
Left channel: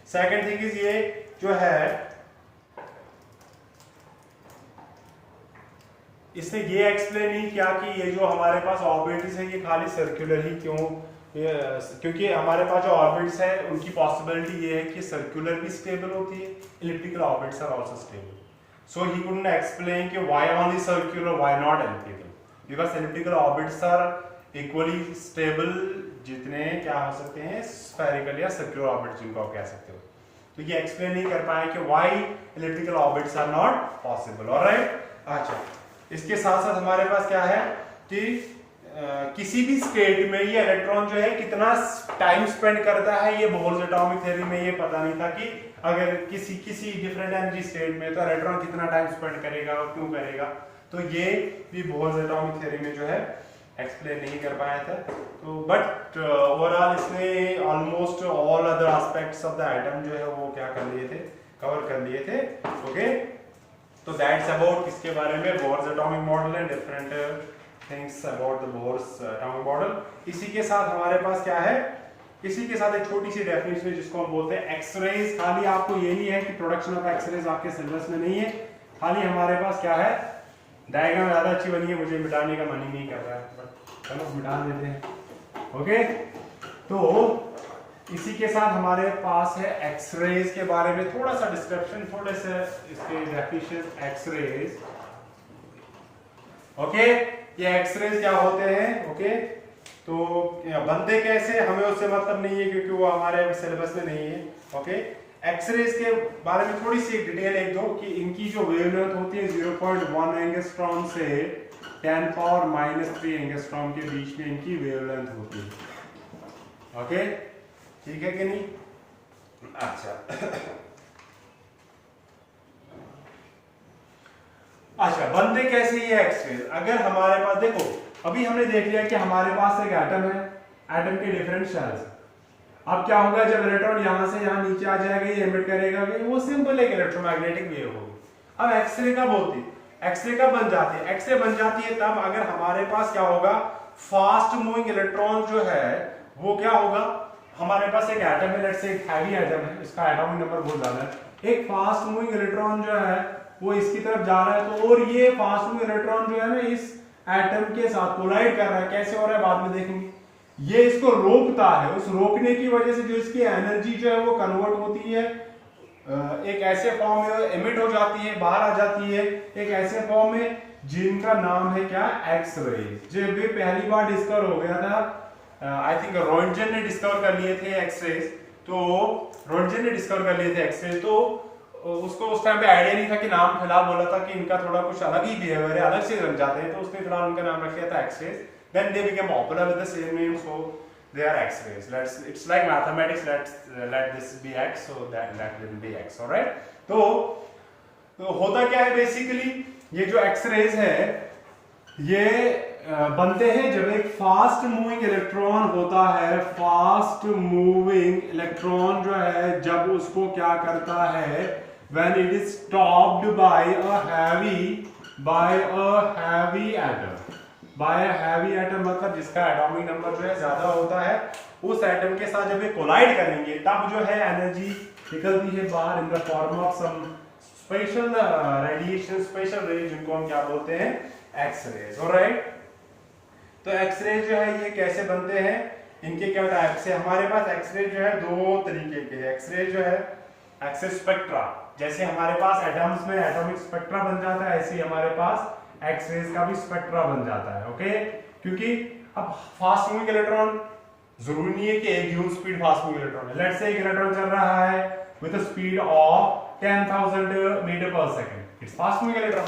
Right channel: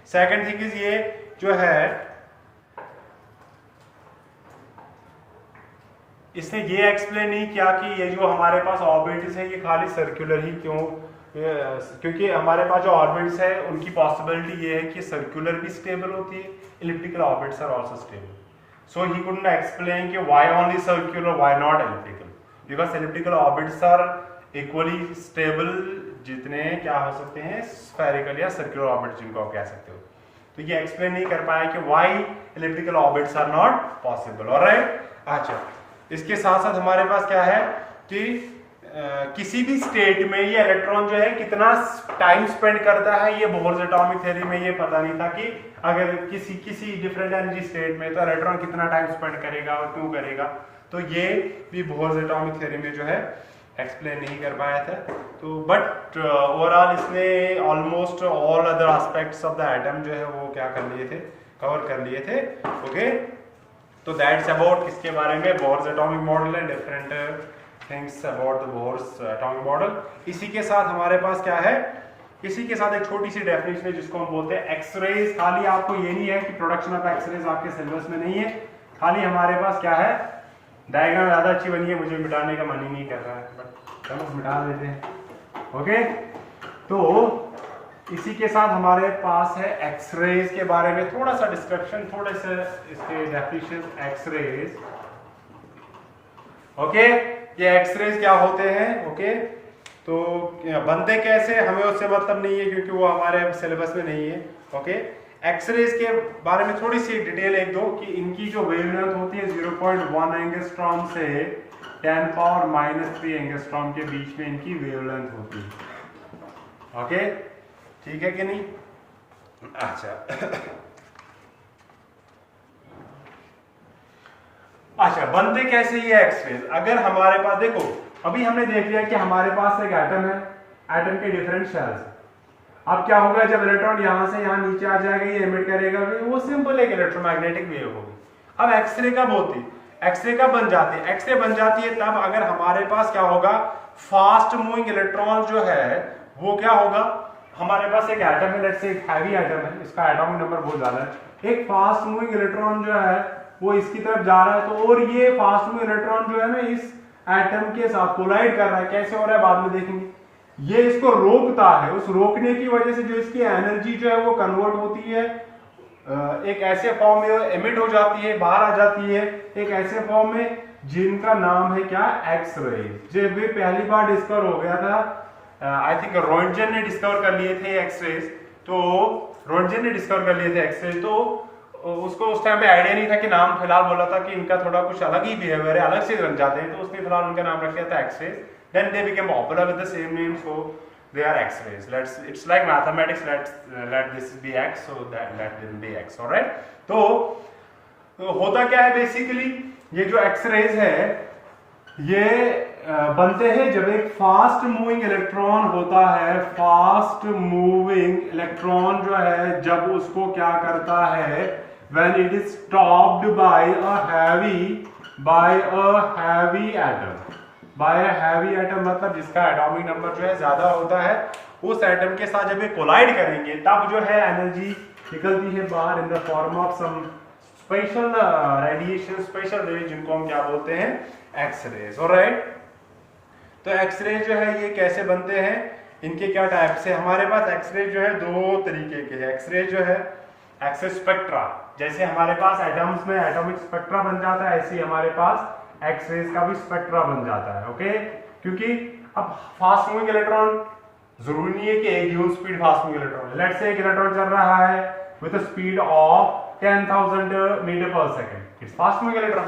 सेकंड थिंग इज ये जो है, इसने ये एक्सप्लेन नहीं किया कि ये जो हमारे पास ऑर्बिट्स है ये खाली सर्कुलर ही क्यों, क्योंकि हमारे पास जो ऑर्बिट्स है उनकी पॉसिबिलिटी ये है कि सर्कुलर भी स्टेबल होती है, elliptical orbits are also stable. So he couldn't explain कि why only circular, why not elliptical, because elliptical orbits are equally stable, जितने क्या हो सकते हैं स्फेरिकल या सर्कुलर ऑर्बिट जिनको आप कह सकते हो। तो ये एक्सप्लेन नहीं कर पाया कि why elliptical orbits are not possible. Alright, अच्छा, इसके साथ साथ हमारे पास क्या है कि किसी भी स्टेट में ये इलेक्ट्रॉन जो है कितना टाइम स्पेंड करता है, ये बोर्स एटॉमिक थ्योरी में ये पता नहीं था कि अगर किसी डिफरेंट एनर्जी स्टेट में तो इलेक्ट्रॉन कितना टाइम स्पेंड करेगा और क्यों करेगा, तो ये भी बोर्स एटॉमिक थ्योरी में जो है एक्सप्लेन नहीं कर पाया था। तो बट ओवरऑल इसने almost all other aspects of the atom जो है वो क्या कर लिए थे, कवर कर लिए थे। ओके, तो दैट्स अबाउट किसके बारे में, Bohr's atomic model and different things about the Bohr's atomic model. इसी के साथ हमारे पास क्या है, इसी के साथ एक छोटी सी डेफिनेशन है जिसको हम बोलते हैं एक्सरेज। खाली आपको ये नहीं है कि प्रोडक्शन ऑफ एक्सरेज आपके सिलेबस में नहीं है, खाली हमारे पास क्या है, डायग्राम ज्यादा अच्छी बनी है, मुझे मिटाने का मन ही नहीं कर रहा है, बट चलो मिटा देते हैं। ओके, तो इसी के साथ हमारे पास है एक्सरेज के बारे में थोड़ा सा डिस्क्रिप्शन, थोड़े से इसके डेफिनेशन एक्सरेज। ओके, ये एक्सरेज क्या होते हैं, ओके, तो बनते कैसे हमें उससे मतलब नहीं है क्योंकि वो हमारे सिलेबस में नहीं है। ओके, एक्सरेज के बारे में थोड़ी सी डिटेल एक दो कि इनकी जो वेवलेंथ होती है 0.1 एंगस्ट्रॉम से 10⁻³ एंगस्ट्रॉम के बीच में इनकी वेवलेंथ होती है। ओके, ठीक है कि नहीं? अच्छा, बनते कैसे ये एक्सरेज? अगर हमारे पास देखो, अभी हमने देख लिया कि हमारे पास एक एटम है, एटम के डिफरेंट शेल्स। अब क्या होगा, जब इलेक्ट्रॉन यहां से यहां नीचे आ जाएगा, ये एमिट करेगा, वो सिंपल एक इलेक्ट्रोमैग्नेटिक वेव होगी। अब एक्सरे कब होती है, एक्सरे कब बन जाती है? एक्सरे बन जाती है तब अगर हमारे पास क्या होगा, फास्ट मूविंग इलेक्ट्रॉन जो है वो क्या होगा, हमारे पास एक एटम है, लेट्स से एक हैवी एटम है, इसका एटॉमिक नंबर बहुत ज्यादा है, एक फास्ट मूविंग इलेक्ट्रॉन जो है वो इसकी तरफ जा रहा है, तो और ये फास्ट मूविंग इलेक्ट्रॉन जो है ना इस एटम के साथ कोलाइड कर रहा है। कैसे हो रहा है बाद में देखेंगे। ये इसको रोकता है, उस रोकने की वजह से जो इसकी एनर्जी जो है वो कन्वर्ट होती है एक ऐसे फॉर्म में, एमिट हो जाती है, बाहर आ जाती है एक ऐसे फॉर्म में जिनका नाम है क्या, एक्सरेज। जब वे पहली बार डिस्कवर हो गया था, आई थिंक रोंटगेन ने डिस्कवर कर लिए थे एक्सरेज, तो रोंटगेन ने डिस्कवर कर लिए थे एक्सरेज, तो उसको उस टाइम पे आइडिया नहीं था कि नाम फिलहाल बोला था कि इनका थोड़ा कुछ अलग ही बिहेवियर है, अलग से बन जाते हैं, तो उसने फिलहाल उनका नाम रख दिया था x-rays. Then they became popular with the same name, so they are x-rays. It's like mathematics, let this be x, so that will be x, all right? तो होता क्या है बेसिकली, ये जो एक्सरेज है ये बनते हैं जब एक फास्ट मूविंग इलेक्ट्रॉन होता है, फास्ट मूविंग इलेक्ट्रॉन जो है जब उसको क्या करता है, when it is stopped by a heavy atom, by a heavy atom मतलब जिसका एटॉमिक नंबर जो है ज्यादा होता है, उस एटम के साथ जब ये कोलाइड करेंगे तब जो है एनर्जी निकलती है बाहर in the form of some special radiation, special rays, जिनको हम क्या बोलते हैं, एक्सरेज। ऑलराइट, तो एक्सरेज जो है ये कैसे बनते हैं, इनके क्या टाइप्स है हमारे पास। एक्सरेज जो है दो तरीके के हैं। एक्सरेज जो है एक्सरे स्पेक्ट्रा, जैसे हमारे पास एटम्स में एटॉमिक स्पेक्ट्रा बन जाता है, ऐसे ही हमारे पास एक्सरेज का भी स्पेक्ट्रा बन जाता है। ओके, क्योंकि अब फास्ट मूविंग इलेक्ट्रॉन जरूरी नहीं है कि एक given speed fast moving electron है। लेट्स से एक इलेक्ट्रॉन चल रहा है with a speed of 10,000 metre per second, it's fast moving electron.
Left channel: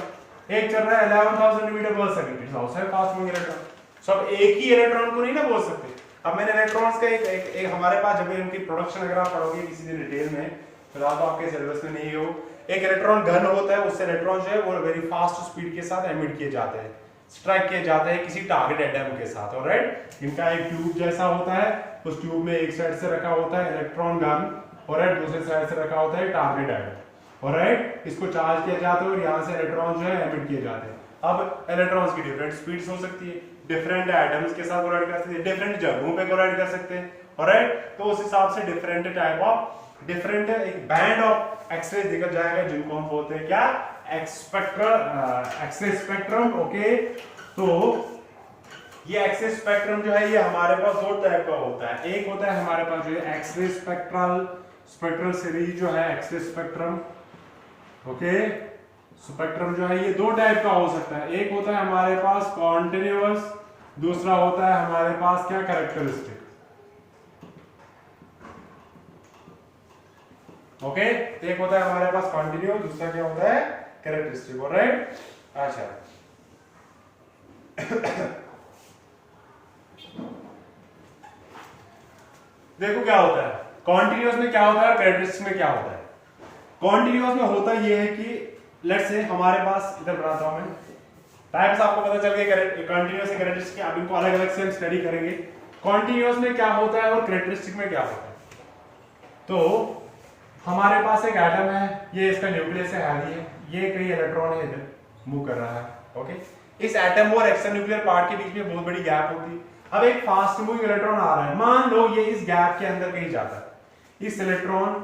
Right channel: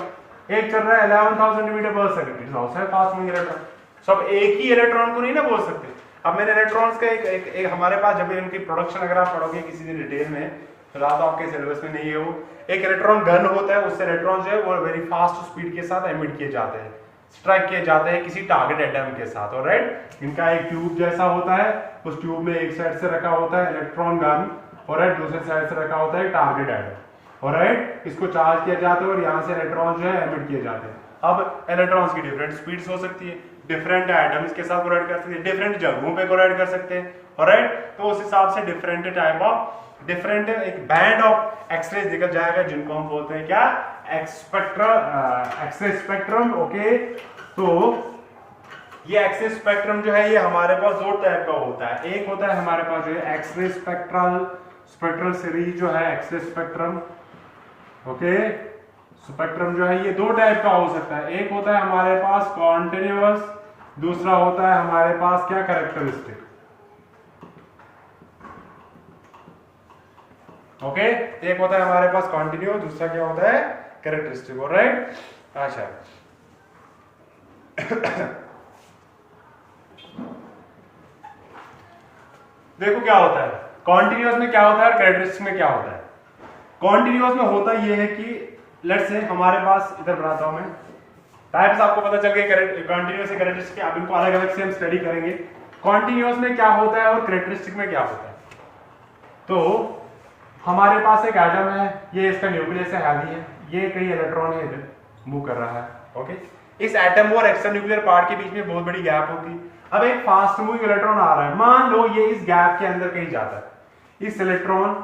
एक चल रहा है 11,000 metre per second, it's also fast moving electron. सब एक ही इलेक्ट्रॉन को नहीं ना बोल सकते। अब मैंने इलेक्ट्रॉन्स का एक हमारे पास जब इनकी प्रोडक्शन अगर आप पढ़ोगे किसी दिन डिटेल में, फिलहाल तो आपके सिलेबस में नहीं है वो, एक इलेक्ट्रॉन गन होता है, उससे इलेक्ट्रॉन जो है वो वेरी फास्ट स्पीड के साथ एमिट किए जाते हैं, स्ट्राइक किए जाते हैं किसी टारगेट एटम के साथ। ऑलराइट, इनका एक ट्यूब जैसा होता है, उस ट्यूब में एक साइड से रखा होता है इलेक्ट्रॉन गन, और दूसरे साइड से रखा होता है टारगेट एटम। ऑलराइट, इसको चार्ज किया जाता है और यहाँ से इलेक्ट्रॉन जो है एमिट किए जाते हैं। अब इलेक्ट्रॉन्स की डिफरेंट स्पीड्स हो सकती है, डिफरेंट एटम्स के साथ कोलाइड कर सकते हैं, डिफरेंट जगहों पे कोलाइड कर सकते हैं। ऑलराइट, तो उस हिसाब से डिफरेंट टाइप ऑफ डिफरेंट एक बैंड ऑफ एक्सरेज निकल जाएगा, जिनको हम बोलते हैं क्या, एक्सरे स्पेक्ट्रम। ओके, तो ये एक्सरे स्पेक्ट्रम जो है ये हमारे पास दो टाइप का होता है। एक होता है हमारे पास जो है एक्सरे स्पेक्ट्रल सीरीज जो है एक्सरे स्पेक्ट्रम। ओके, स्पेक्ट्रम जो है ये दो टाइप का हो सकता है। एक होता है हमारे पास कॉन्टिन्यूअस, दूसरा होता है हमारे पास क्या, कैरेक्टरिस्टिक। ओके, एक होता है हमारे पास कॉन्टिन्यूअस, दूसरा क्या होता है, कैरेक्टरिस्टिक। ऑलराइट, अच्छा देखो क्या होता है कॉन्टिन्यूअस में, क्या होता है कैरेक्टरिस्टिक में क्या होता है। कॉन्टिन्यूअस में होता ये है कि लेट्स से हमारे पास, इधर बनाता हूं मैं, टाइप्स आपको पता चल गया कॉन्टिन्यूअस से कैरेक्टरिस्टिक, अब इनको अलग अलग से हम स्टडी करेंगे। कॉन्टिन्यूअस में क्या होता है और कैरेक्टरिस्टिक में क्या होता है। तो हमारे पास एक एटम है, ये इसका न्यूक्लियस है, हैवी है, ये कई इलेक्ट्रॉन है इधर मूव कर रहा है, ओके। इस एटम और एक्स्ट्रा न्यूक्लियर पार्ट के बीच में बहुत बड़ी गैप होती है। अब एक फास्ट मूविंग इलेक्ट्रॉन आ रहा है, मान लो ये इस गैप के अंदर कहीं जाता है। इस इलेक्ट्रॉन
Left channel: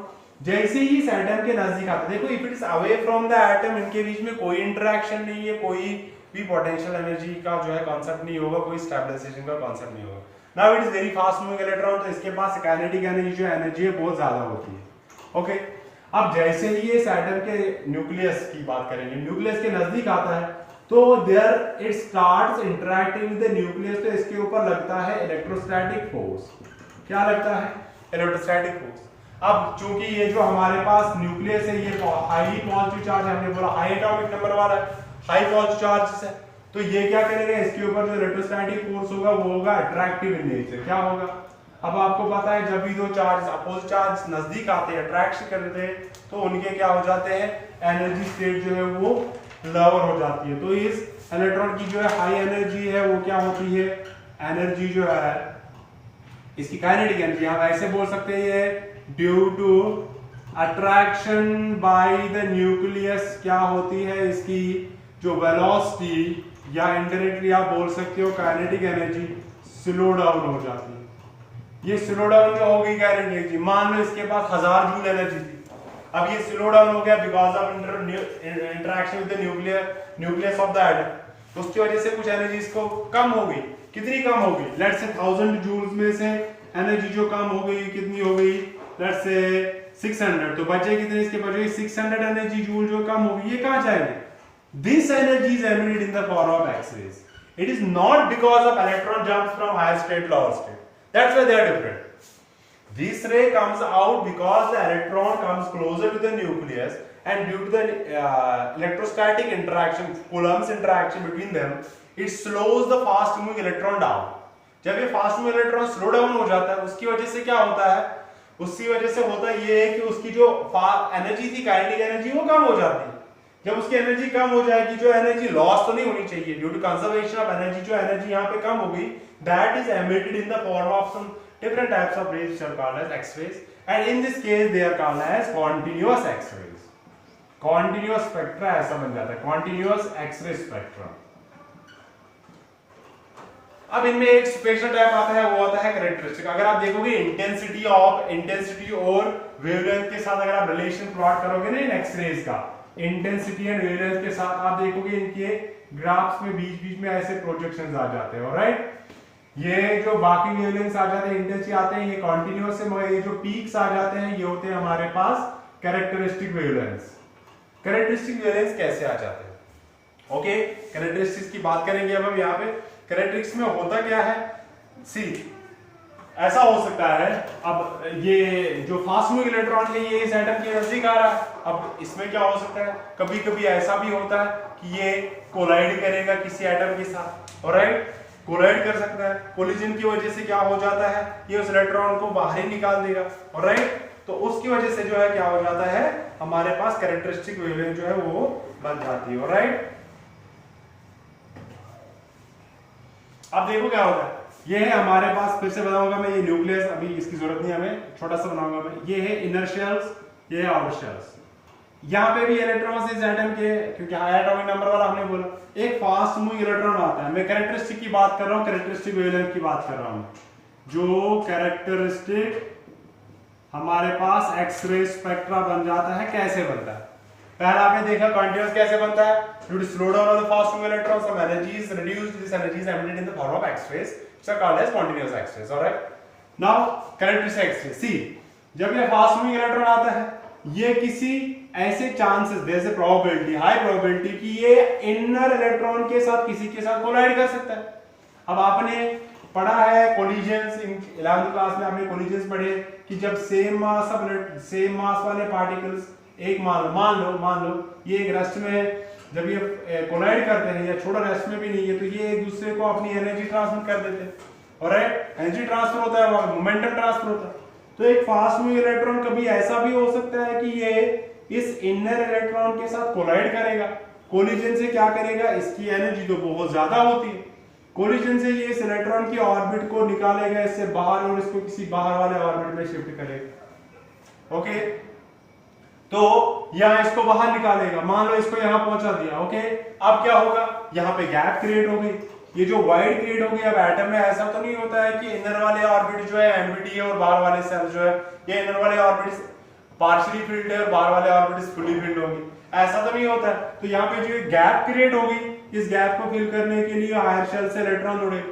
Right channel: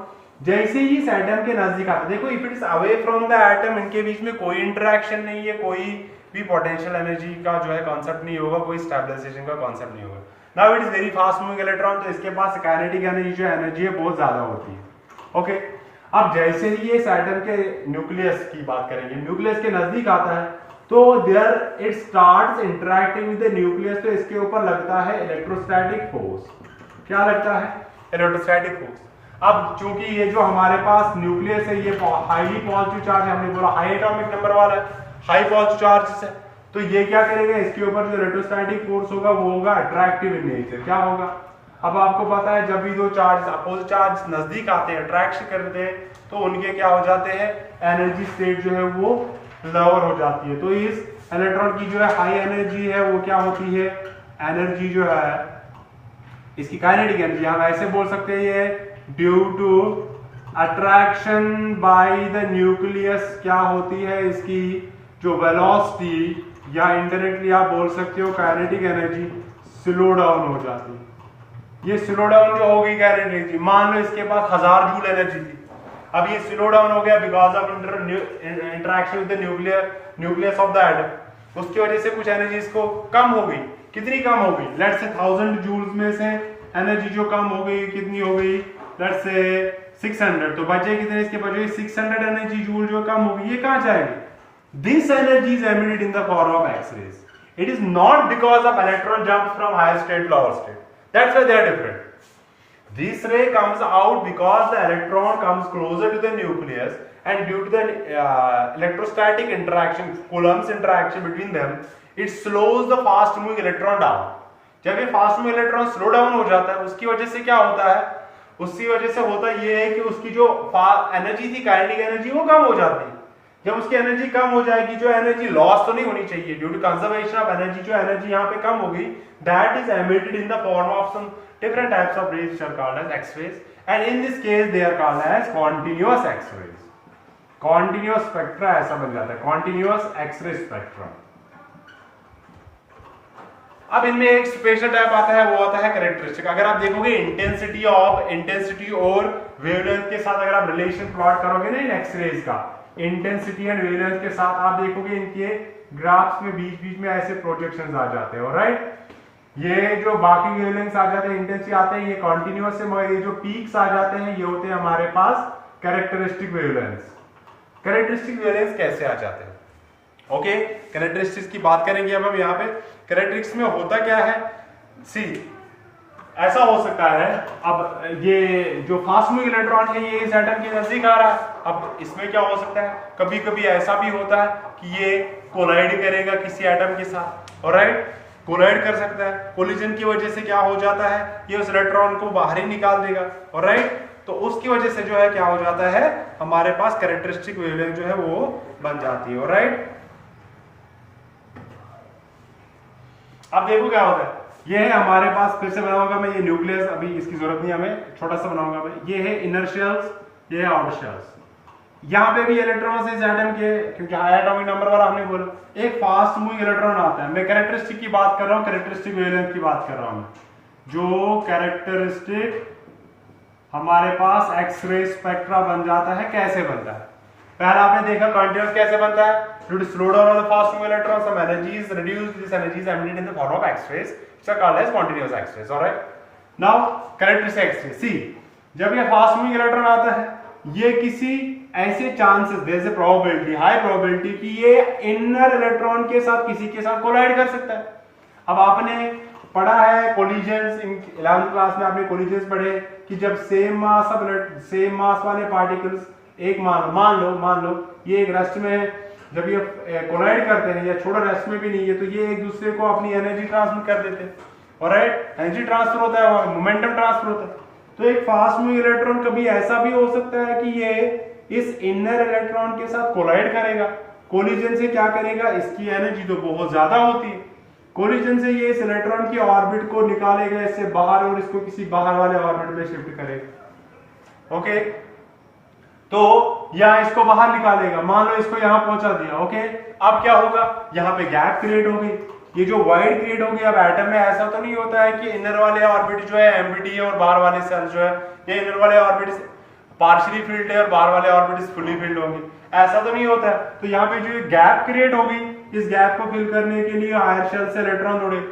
जैसे ही इस एटम के नजदीक आता है, देखो if it is away from the atom, इनके बीच में कोई इंटरेक्शन नहीं है, कोई भी पोटेंशियल एनर्जी का जो है कॉन्सेप्ट नहीं होगा, कोई स्टेबलाइजेशन का कॉन्सेप्ट नहीं होगा। Now it is very fast moving electron, तो इसके पास काइनेटिक एनर्जी जो एनर्जी है बहुत ज्यादा होती है, ओके। अब जैसे ही ये इस एटम के न्यूक्लियस की बात करेंगे, न्यूक्लियस के नजदीक आता है, तो there it starts interacting with the nucleus, तो इसके ऊपर लगता है इलेक्ट्रोस्टैटिक फोर्स। क्या लगता है? Electrostatic force. अब चूंकि ये जो हमारे पास न्यूक्लियस है ये हाईली पॉजिटिव चार्ज है, हमने बोला हाई एटॉमिक नंबर वाला है, हाई पॉजिटिव चार्ज है, तो ये क्या करेगा, इसके ऊपर जो इलेक्ट्रोस्टैटिक फोर्स होगा वो होगा अट्रैक्टिव इन नेचर। क्या होगा? अब आपको पता है जब भी दो चार्ज अपोजिट चार्ज नजदीक आते हैं, अट्रैक्शन करते हैं, तो उनके क्या हो जाते हैं, एनर्जी स्टेट जो है वो लोअर हो जाती है। तो इस इलेक्ट्रॉन की जो है हाई एनर्जी है वो क्या होती है, एनर्जी जो है इसकी काइनेटिक एनर्जी, हम ऐसे बोल सकते हैं ये due to attraction by the nucleus क्या होती है, इसकी जो वेलोसिटी या इनडायरेक्टली आप बोल सकते हो काइनेटिक एनर्जी स्लो डाउन हो जाती है। ये स्लो डाउन जो हो गई काइनेटिक एनर्जी, मान लो इसके पास 1000 जूल एनर्जी थी, अब ये स्लो डाउन हो गया because of interaction with the nucleus of the atom, उसकी वजह से कुछ एनर्जी इसको कम हो गई। कितनी कम हो गई? लेट्स से 1000 जूल्स में से एनर्जी जो कम हो गई कितनी हो गई, लेट्स से 600, तो बचे कितने इसके, बचे 600 एनर्जी जूल जो कम हो गई। ये कहां जाएगी? This energy is emitted in the form of X-rays. It is not because of electron jumps from higher state to lower state. That's why they are different. This ray comes out because the electron comes closer to the nucleus, and due to the electrostatic interaction, Coulomb's interaction between them, it slows the fast moving electron down. जब ये fast moving electron slow down हो जाता है, उसकी वजह से क्या होता है, उसकी वजह से होता ये है कि उसकी जो एनर्जी थी, काइनेटिक एनर्जी, वो कम हो जाती है। जब उसकी एनर्जी कम हो जाएगी, जो एनर्जी लॉस तो नहीं होनी चाहिए, due to conservation of energy, जो एनर्जी यहाँ पे कम हो गई, that is emitted in the form of some different types of rays which are called as X-rays, and in this case they are called as continuous X-rays. continuous spectra ऐसा बन जाता है, continuous X-ray स्पेक्ट्रा। अब इनमें एक स्पेशल टाइप आता है, वो आता है कैरेक्टरिस्टिक। अगर आप देखोगे इंटेंसिटी और वेवलेंथ के साथ अगर आप रिलेशन प्लॉट करोगे ना इन एक्सरेज का, इंटेंसिटी एंड वेवलेंथ के साथ, आप देखोगे इनके ग्राफ्स में बीच बीच में ऐसे प्रोजेक्शंस आ जाते हैं, ऑलराइट। ये जो बाकी वेवलेंथ्स आ जाते हैं, इंटेंसिटी आते हैं, ये कंटीन्यूअस से, मगर ये जो पीक्स आ जाते हैं ये होते हैं हमारे पास कैरेक्टरिस्टिक वेवलेंथ्स। कैरेक्टरिस्टिक वेवलेंथ्स कैसे आ जाते हैं, ओके। कैरेक्टरिस्टिक्स की बात करेंगे अब हम यहाँ पे। कैरेक्टरिस्टिक्स में होता क्या है, सी ऐसा हो सकता है, अब ये जो फास्ट मूविंग इलेक्ट्रॉन है ये इस एटम के नजदीक आ रहा है, अब इसमें क्या हो सकता है, कभी कभी ऐसा भी होता है कि ये कोलाइड करेगा किसी एटम के साथ, ऑलराइट, कोलाइड कर सकता है, कोलिजन की वजह से क्या हो जाता है, ये उस इलेक्ट्रॉन को बाहर ही निकाल देगा, ऑलराइट। तो उसकी वजह से जो है क्या हो जाता है, हमारे पास कैरेक्टरिस्टिक वेवलेंथ जो है वो बन जाती है, ऑलराइट। अब देखो क्या होता है, ये है हमारे पास, फिर से बनाऊंगा मैं, ये न्यूक्लियस, अभी इसकी जरूरत नहीं, हमें छोटा सा बनाऊंगा मैं। ये है इनर शेल्स, ये है आउटर शेल्स। यहाँ पे भी इलेक्ट्रॉन्स इस एटम के, क्योंकि हाई एटॉमिक नंबर वाला हमने बोला, एक फास्ट मूविंग इलेक्ट्रॉन आता है। मैं कैरेक्टरिस्टिक की बात कर रहा हूँ, कैरेक्टरिस्टिक वेवलेंथ की बात कर रहा हूँ। जो कैरेक्टरिस्टिक हमारे पास एक्सरे स्पेक्ट्रा बन जाता है, कैसे बनता है? पहले आपने देखा कंटीन्यूअस कैसे बनता है, due to slow down of the fast moving electron, some energy is reduced, this energy is emitted in the form of X-rays, which are called as continuous X-rays, all right. Now characteristic X-ray, see, जब ये फास्ट मूविंग इलेक्ट्रॉन आता है, ये किसी ऐसे chances, there is a probability, high probability कि ये इनर इलेक्ट्रॉन के साथ किसी के साथ कोलाइड कर सकता है। अब आपने पढ़ा है कोलिजन्स, इन 11th क्लास में आपने कोलिजन्स पढ़े कि जब सेम मास वाले पार्टिकल्स, एक मान लो ये एक रेस्ट में है, जब ये कोलाइड करते हैं, या छोटा रेस्ट में भी नहीं है, तो ये एक दूसरे को अपनी एनर्जी ट्रांसमिट कर देते हैं। ऑलराइट, एनर्जी ट्रांसफर होता है और मोमेंटम ट्रांसफर होता है। तो एक फास्ट मूविंग इलेक्ट्रॉन कभी ऐसा भी हो सकता है कि ये इस इनर इलेक्ट्रॉन के साथ कोलाइड करेगा। कोलिजन से क्या करेगा, इसकी एनर्जी तो बहुत ज्यादा होती है, कोलिजन से ये इस इलेक्ट्रॉन की ऑर्बिट को निकालेगा इससे बाहर और इसको किसी बाहर वाले ऑर्बिट में शिफ्ट करेगा। ओके, तो यहां इसको बाहर निकालेगा, मान लो इसको यहां पहुंचा दिया। ओके, अब क्या होगा, यहां पे गैप क्रिएट हो गई, ये जो वाइड क्रिएट हो गई। अब एटम में ऐसा तो नहीं होता है कि इनर वाले ऑर्बिट जो है एम्प्टी है और बाहर वाले सेल जो है ये इनर वाले ऑर्बिट पार्शियली फिल्ड है और बाहर वाले ऑर्बिट फुली फिल्ड होगी, ऐसा तो नहीं होता है। तो यहाँ पे जो गैप क्रिएट हो गई, इस गैप को फिल करने के लिए हायर शेल से इलेक्ट्रॉन उड़े।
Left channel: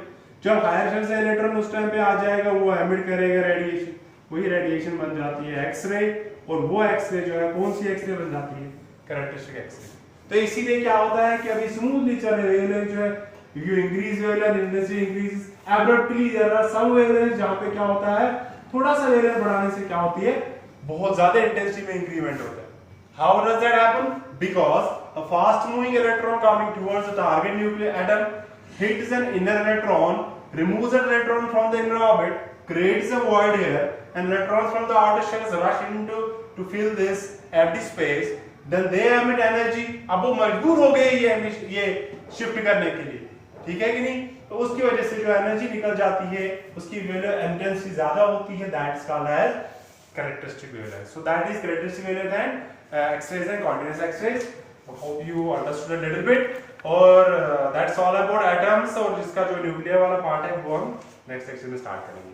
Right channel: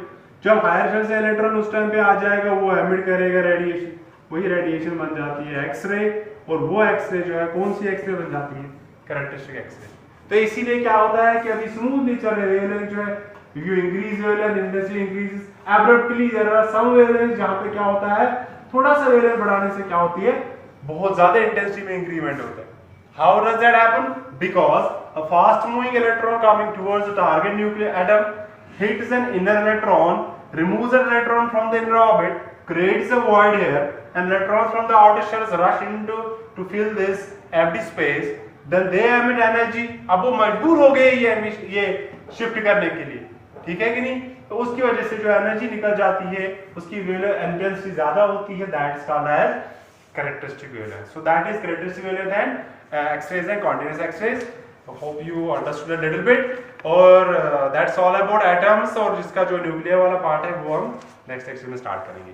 जब हायर शेल से इलेक्ट्रॉन उस टाइम पे आ जाएगा वो एमिट करेगा रेडिएशन, वही रेडिएशन बन जाती है एक्सरे, और वो एक्सरे जो है कौन सी एक्सरे बन जाती है, कैरेक्टरिस्टिक एक्सरे। तो इसीलिए क्या होता है कि अभी स्मूथली चल रहे वेवलेंथ जो है, you increase wavelength intensity increases abruptly, there are some wavelengths जहां पे क्या होता है थोड़ा सा वेवलेंथ बढ़ाने से क्या होती है बहुत ज्यादा इंटेंसिटी में इंक्रीमेंट होता है। How does that happen? Because a fast moving electron coming towards the target nuclear atom hits an inner electron, removes an electron from the inner orbit, creates a void here, and electrons from the outer shells rush into to fill this empty space. Then they emit energy. अब वो मजबूर हो गए ये शिफ्ट करने के लिए, ठीक है कि नहीं। तो उसकी वजह से जो एनर्जी निकल जाती है उसकी इंटेंसिटी ज्यादा होती है, that is called as characteristic wavelength. So that is characteristic wavelength and x-rays and continuous x-rays. Hope you understood a little bit. और दैट्स ऑल अबाउट एटम्स, और जिसका जो न्यूक्लियर वाला पार्ट है वो हम नेक्स्ट लेक्चर में स्टार्ट करेंगे।